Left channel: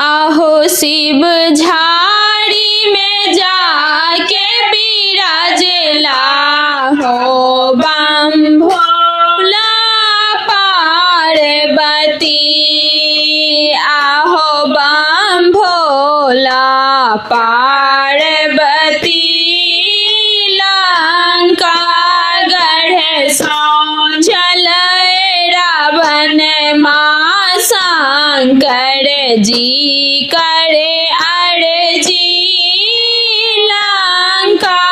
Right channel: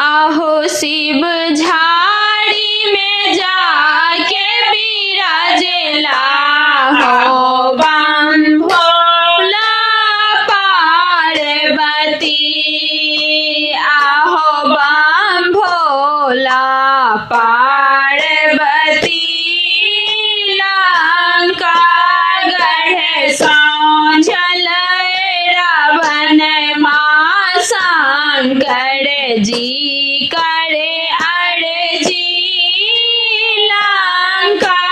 आहो शिव झाड़ी में जाके बिराजेला हो बम भोला पार्वती। आहो बम भोला पार्वती लंका गढ़ सांझल रावण माँ शंकर जी करे अर्जी। लंका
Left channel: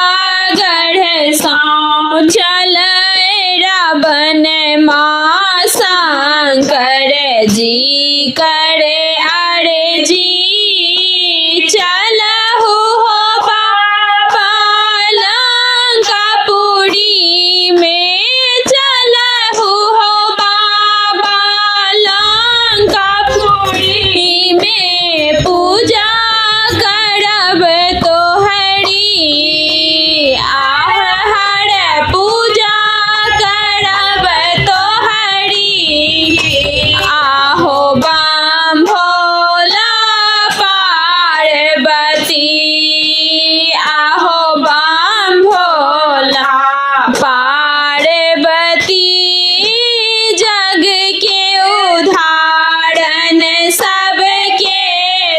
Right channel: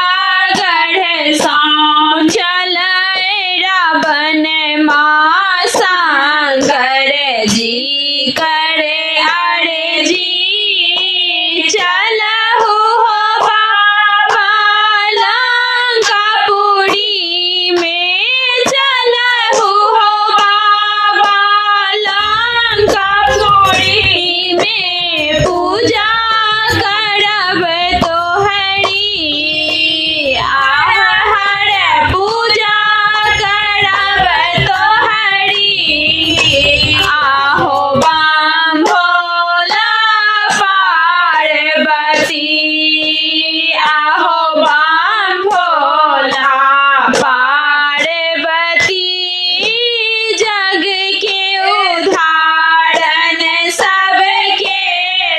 गढ़ सांझल रावण माँ शंकर जी करे अर्जी। चलहु हो बाबा लंकापुरी में, चलहु हो बाबा लंकापुरी में, पूजा करब तोहरी। आहर पूजा करब तोहरी। आहो बम भोला पार्वती। आहो बम भोला पार्वती जग के उधारण सबके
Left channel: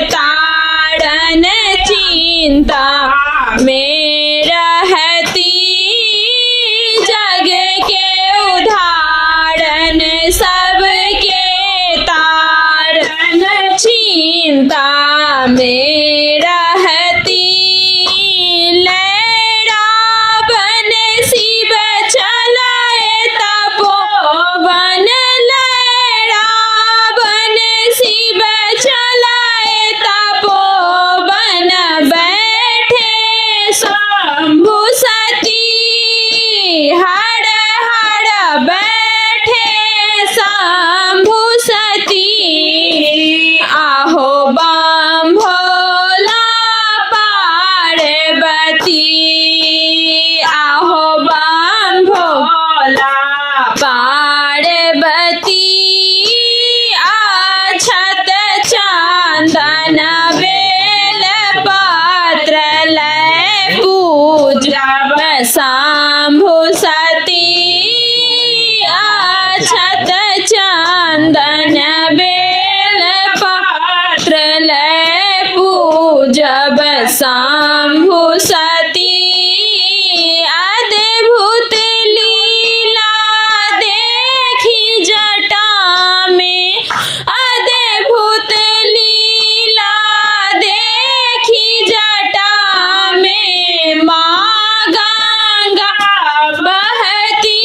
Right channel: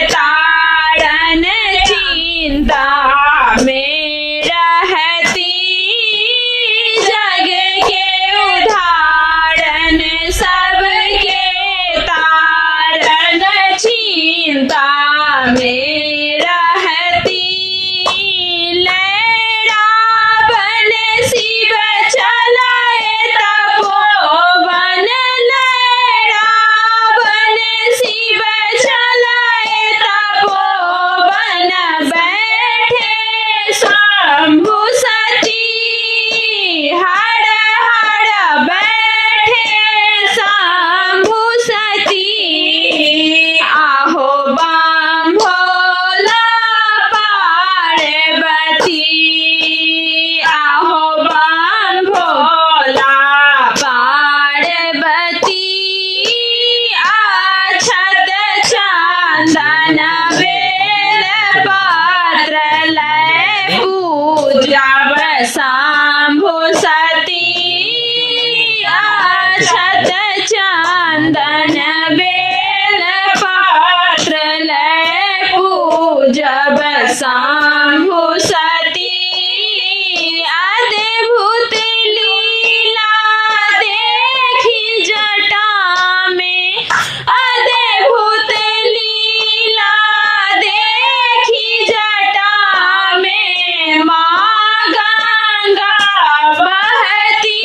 तारण। चिंता में रहती जग के उधारण सबके तारण। चिंता में रहती लैरावन शिव चलाए तपोवन। लैरावन शिव चलाए तपोवन, बैठे शंभु सती हर हर बैठे शंभु सती। आहो बम भोला पार्वती। आहो बम भोला पार्वती। अक्षत चंदन बेल पत्र लय पूजब शंभु सती। अक्षत चंदन बेल पत्र लय पूजब शंभु सती। अद्भुत लीला देखी जटा में, अद्भुत लीला देखी जटा में, माँ गंगा बहती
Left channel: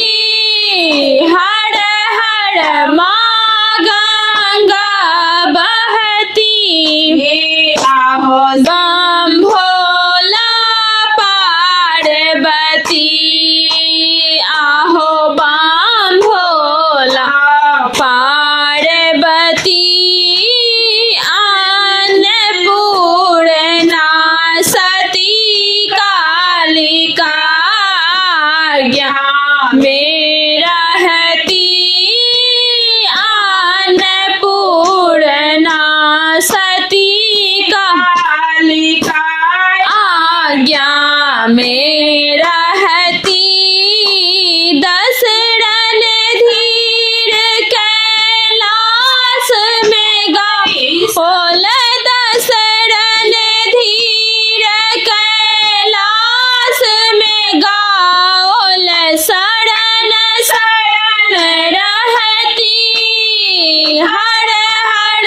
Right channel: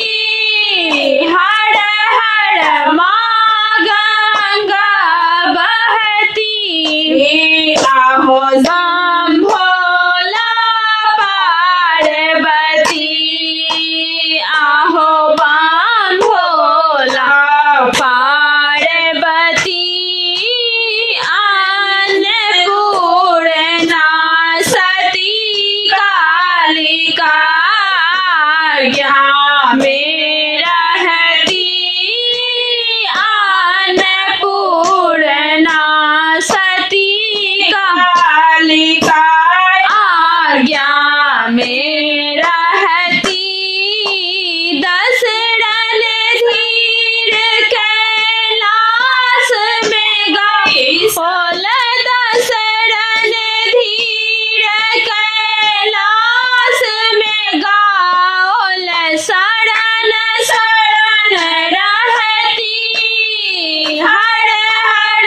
हर हर माँ गंगा बहती। आहो बम भोला पार्वती। आहो बम भोला पार्वती। अन्नपूर्णा सती कालिका आज्ञा में रहती। अन्नपूर्णा सती कालिका आज्ञा में रहती। दशरण धीर कैलाश में गई सोल। दशरण धीर कैलाश में गाओल। शरण शरण रहती हर हर